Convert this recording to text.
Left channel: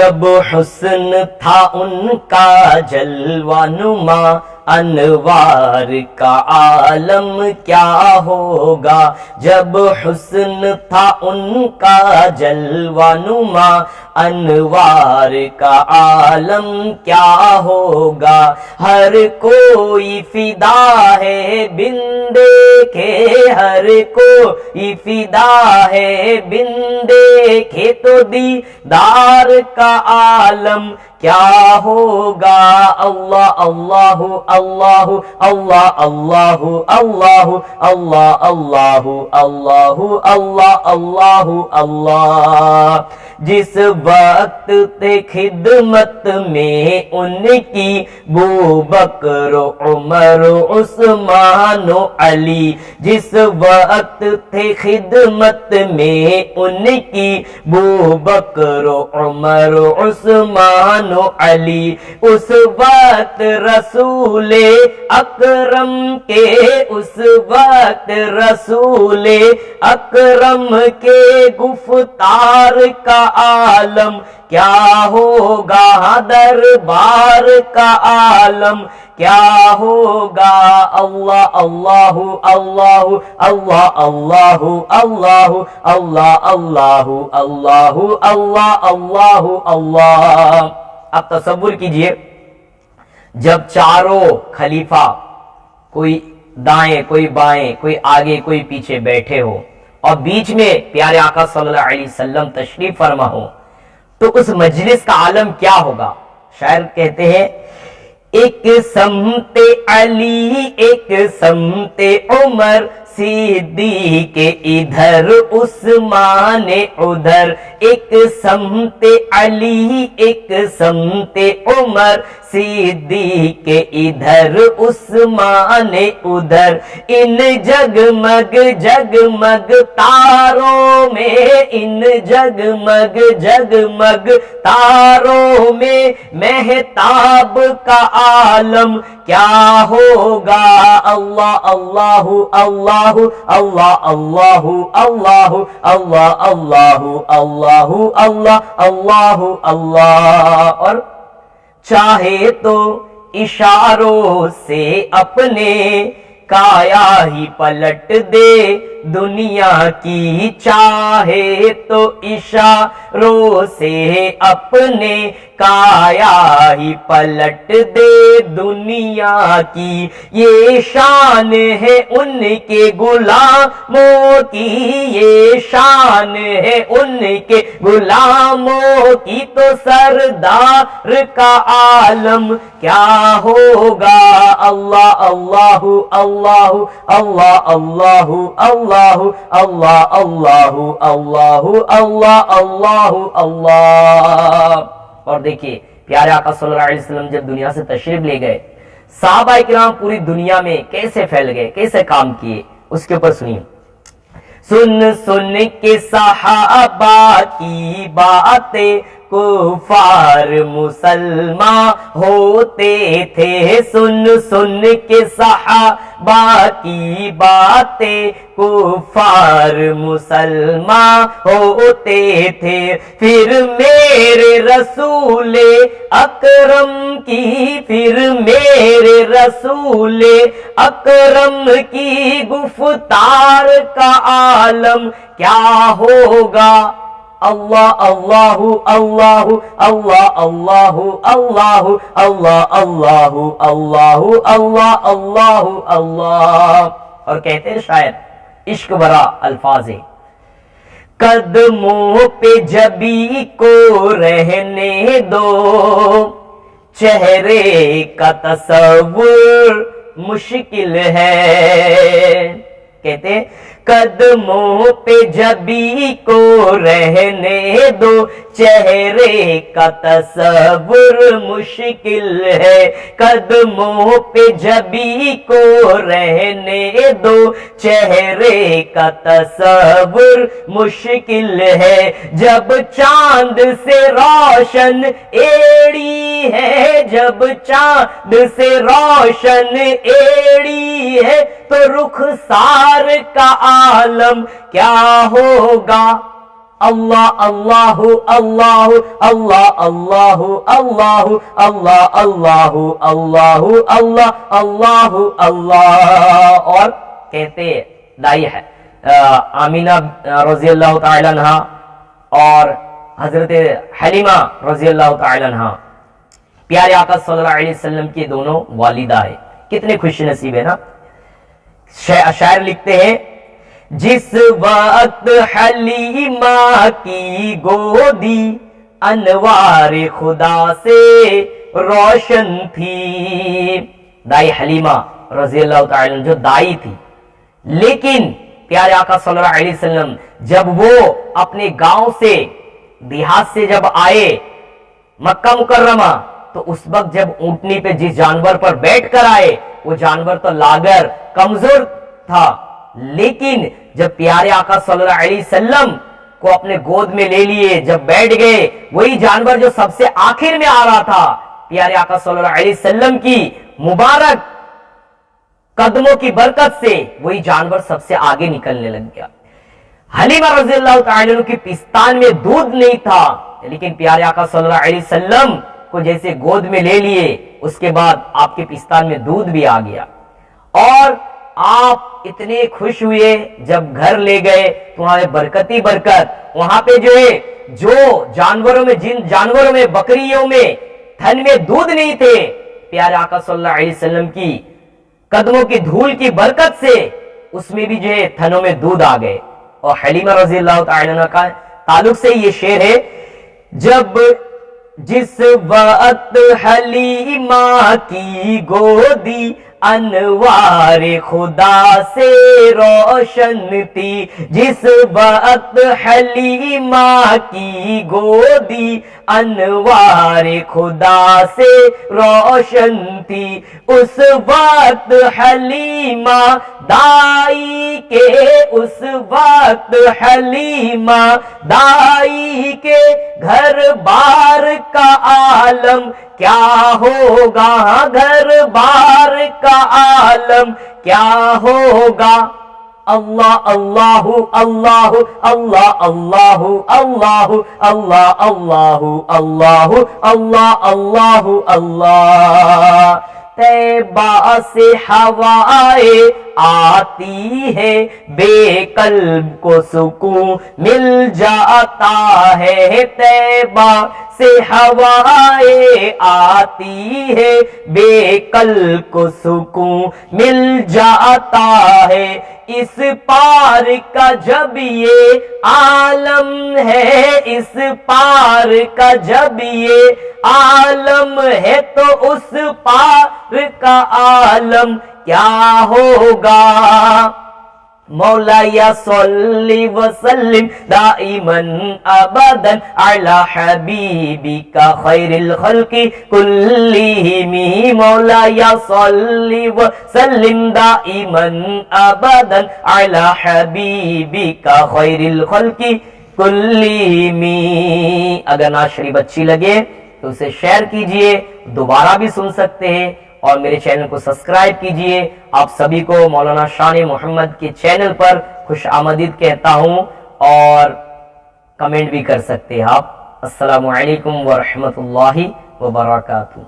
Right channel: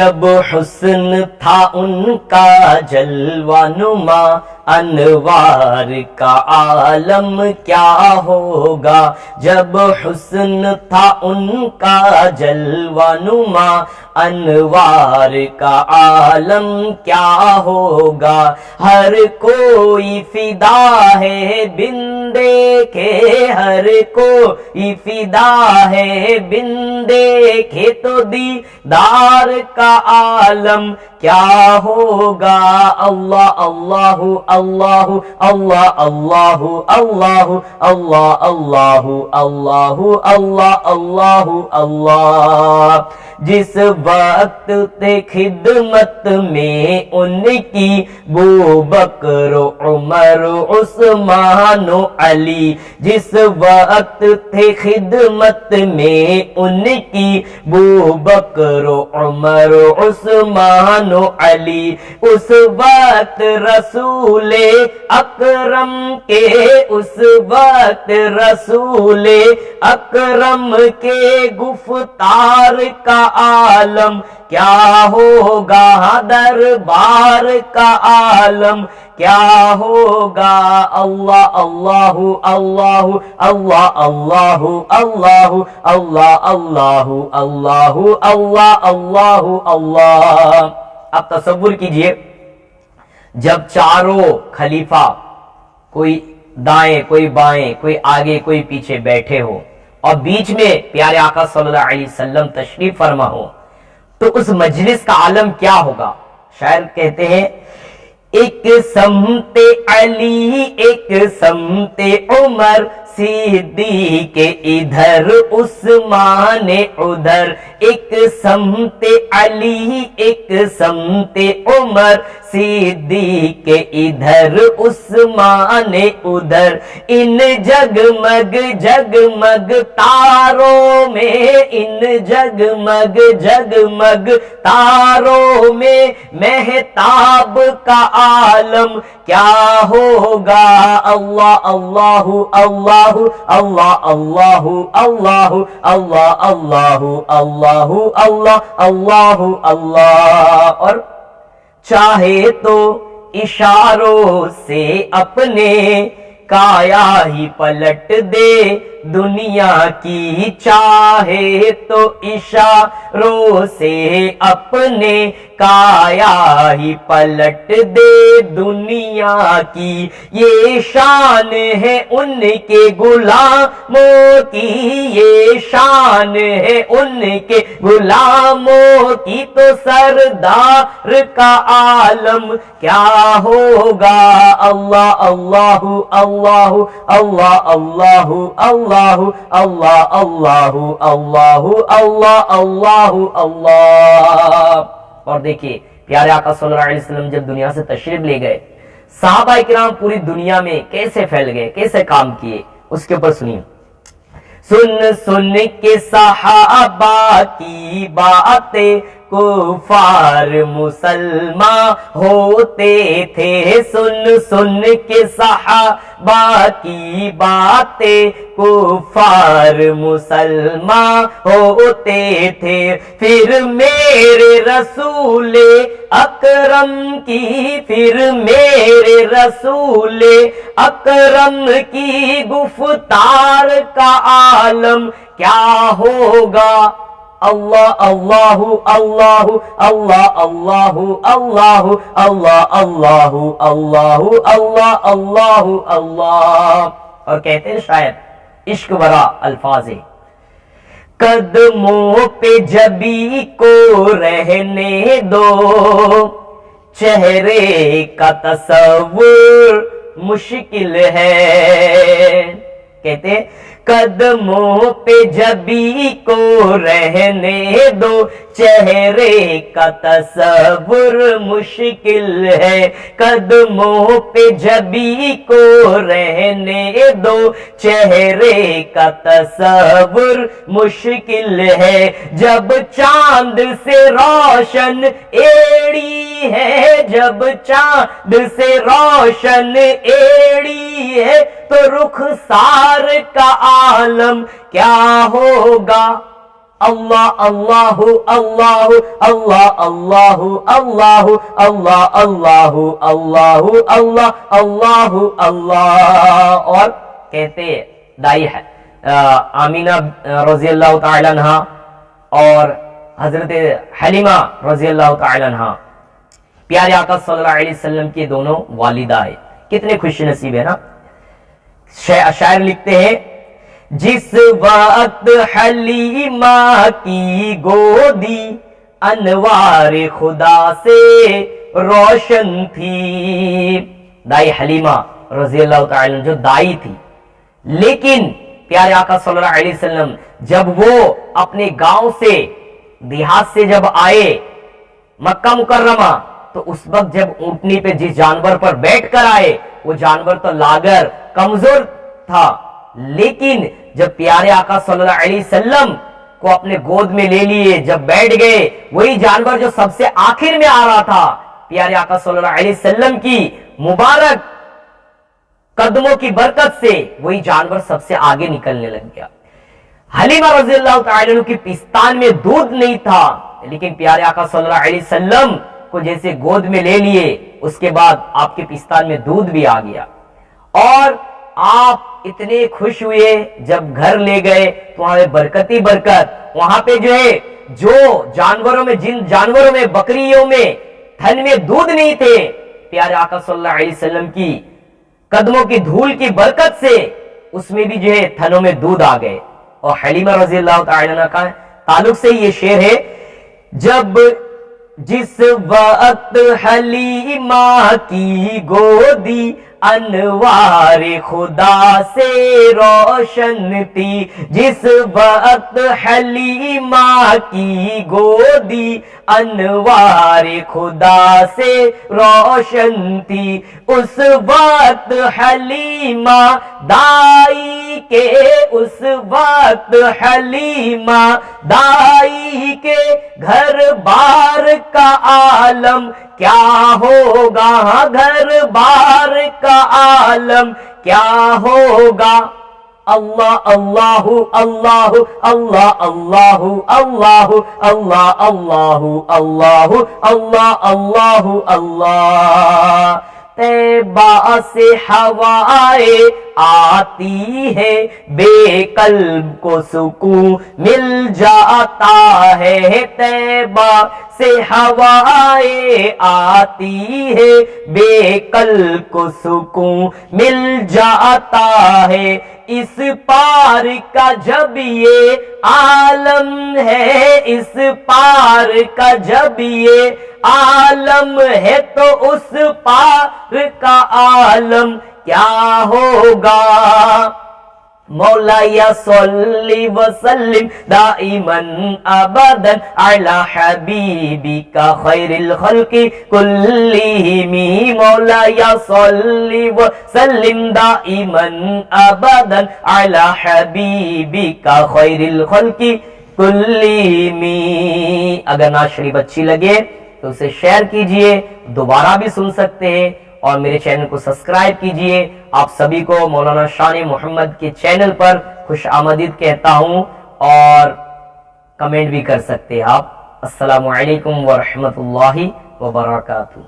جب حسن تھا ان کا جلوہ نما، انوار کا عالم کیا ہوگا۔ جب حسن تھا ان کا جلوہ نما، انوار کا عالم کیا ہوگا۔ ہر کوئی فدا ہے بن دیکھے، ہر کوئی فدا ہے بن دیکھے، تو دیدار کا عالم کیا ہوگا۔ اللہ اللہ اللہ اللہ اللہ اللہ اللہ اللہ اللہ اللہ اللہ۔ جس وقت تھے خدمت میں ان کی بوبکر عمر عثمان و علی، جس وقت تھے خدمت میں ان کی بوبکر عمر عثمان و علی، اس وقت رسول اکرم کے، اس وقت رسول اکرم کے گفتار کا عالم کیا ہوگا، دربار کا عالم کیا ہوگا۔ اللہ اللہ اللہ اللہ اللہ اللہ اللہ اللہ اللہ اللہ اللہ اللہ۔ اب تصور کیجئے جب چاروں خلیفہ، کوئی دائیں کوئی بائیں کوئی آگے کوئی پیچھے بیٹھے ہو، اور بیچ میں پیارے آقا صلی اللہ علیہ وسلم تشریف فرما ہو، تو اس مجلس کا عالم کیا ہوگا۔ شاعر کہتے ہیں ایک سمت علی ایک سمت عمر، صدیق ادھر عثمان ادھر، ایک سمت علی ایک سمت عمر، صدیق ادھر عثمان ادھر، ان جگمگ جگمگ تاروں میں، ان جگمگ جگمگ تاروں میں، مہتاب کا عالم کیا ہوگا۔ اللہ اللہ اللہ اللہ اللہ اللہ اللہ اللہ اللہ اللہ اللہ اللہ۔ اور چاہے تو اشاروں سے اپنے کایا ہی پلٹ دے دنیا کی، چاہے تو اشاروں سے اپنے کایا ہی پلٹ دے دنیا کی، یہ شان ہے ان کے غلاموں کی، یہ شان ہے ان کے غلاموں کی، تو سردار کا عالم کیا ہوگا۔ اللہ اللہ اللہ اللہ اللہ اللہ اللہ اللہ اللہ اللہ اللہ اللہ۔ اور دیکھیے پیارے آقا صلی اللہ علیہ وسلم جب دنیا سے تشریف لے گئے، صحابہ کرام پوری دنیا میں کیسے پھیل گئے، کیسے کام کیے، اس کے اوپر سنیے۔ سن سن کے صحابہ کی باتیں کفار مسلمان ہوتے تھے، سن سن کے صحابہ کی باتیں کفار مسلمان ہوتے تھے، پھر میرے رسول اکرم کی، پھر میرے رسول اکرم کی گفتار کا عالم کیا ہوگا۔ اللہ اللہ اللہ اللہ اللہ اللہ اللہ اللہ اللہ اللہ اللہ اللہ۔ اور کہتے ہیں شاید عشق برا الفاظ ہے، قدموں پہ جبی کو رہنے دو، چہرے کا تصور مشکل ہے۔ کہتے ہیں قدموں پہ جبی کو رہنے دو، چہرے کا تصور مشکل ہے، قدموں پہ جبی کو رہنے دو، چہرے کا تصور مشکل ہے، جب چاند سے روشن ایڑی ہے، جب چاند سے روشن ایڑی ہے، تو رخسار کا عالم کیا ہوگا۔ اللہ اللہ اللہ اللہ اللہ اللہ اللہ اللہ اللہ اللہ اللہ اللہ. اور کہتے دائی ہے آمینہ رضی اللہ تعالی عنہ اور حضرت حلیمہ رضی اللہ تعالی عنہ پیارے آقا صلی اللہ علیہ وسلم کی دونوں والدہ ہے. کتنے خوش نصیب ہے نا. شاعر لکھتے ہیں جس وقت حلیمہ کی گودی انوار خدا سے روشن تھی. دائی حلیمہ رضی اللہ تعالی عنہ جو دائی تھی، لیکن پیارے آقا صلی اللہ علیہ وسلم جب وہ اپنے گاؤں سے دیہات سے جب آئے مکہ مکرمہ، تو اس وقت جب اونٹنی پہ جس جانور پر بیٹھ کر آئے وہ جانور تو لاغر کمزور تھا، لیکن جب پیارے آقا صلی اللہ علیہ وسلم کو اپنے گود میں لے لیے، جب بیٹھ گئے، وہی جانور جو سب سے آخر میں آ رہا تھا، پیارے آقا صلی اللہ علیہ وسلم کی مبارک قدموں کی برکت سے وہی جانور سب سے آگے نکلنے لگ گیا. حلیمہ رضی اللہ تعالی عنہ کی پستان میں دودھ نہیں تھا، لیکن پیارے آقا صلی اللہ علیہ وسلم کو جیسے گود میں لے لیے، اس کے بعد آپ کے پستان میں دودھ بھی آ گیا. اور آپ اتنے خوش ہوئے جب گھر لے گئے تو وہاں برکتی برکت، وہاں پہ جو ہے جو جانوروں میں، جن جانوروں میں، بکریوں میں تھن میں دودھ نہیں تھے، پیارے آقا صلی اللہ علیہ وسلم کی قدموں کی دھول کی برکت سے اس میں بھی جو ہے تھنوں میں دودھ آ گئے. اور حلیمہ رضی اللہ تعالی عنہ کا تعلق سے یہ شعر ہے جب جس وقت حلیمہ کی گودی انوار خدا سے روشن تھی، جس وقت حلیمہ کی گودی انوار خدا سے روشن تھی، اس وقت حلیمہ دائی کے، اس وقت حلیمہ دائی کے گھر بار کا عالم کیا ہوگا، گھر بار کا عالم کیا ہوگا. اللہ اللہ اللہ اللہ اللہ اللہ اللہ اللہ اللہ اللہ اللہ اللہ. طیبہ سے ہوائیں آتی ہے، بے قلب کو سکون مل جاتا ہے. طیبہ سے ہوائیں آتی ہے، بے قلب کو سکون مل جاتا ہے. اس پار کا جب یہ عالم ہے، اس پار کا جب یہ عالم ہے، تو اس پار کا عالم کیا ہوگا. مولا یا صلی وسلم دائما ابدا علی حبیبک خیر الخلق کلہم. مولا یا صلی وسلم دائما ابدا علی حبیبک خیر الخلق کلہم. اگر نعت شریف اچھی لگے تو اسے شیئر کیجئے، دوبارہ بھی سن سکتے ہیں، اور میرے چینل کو سبسکرائب کیجئے. آپ سبھی کو مولانا شان محمد کے چینل پر خوش آمدید کہتا ہوں، اور کمنٹ بھی کر سکتے ہیں آپ. السلام علیکم ورحمۃ اللہ وبرکاتہ.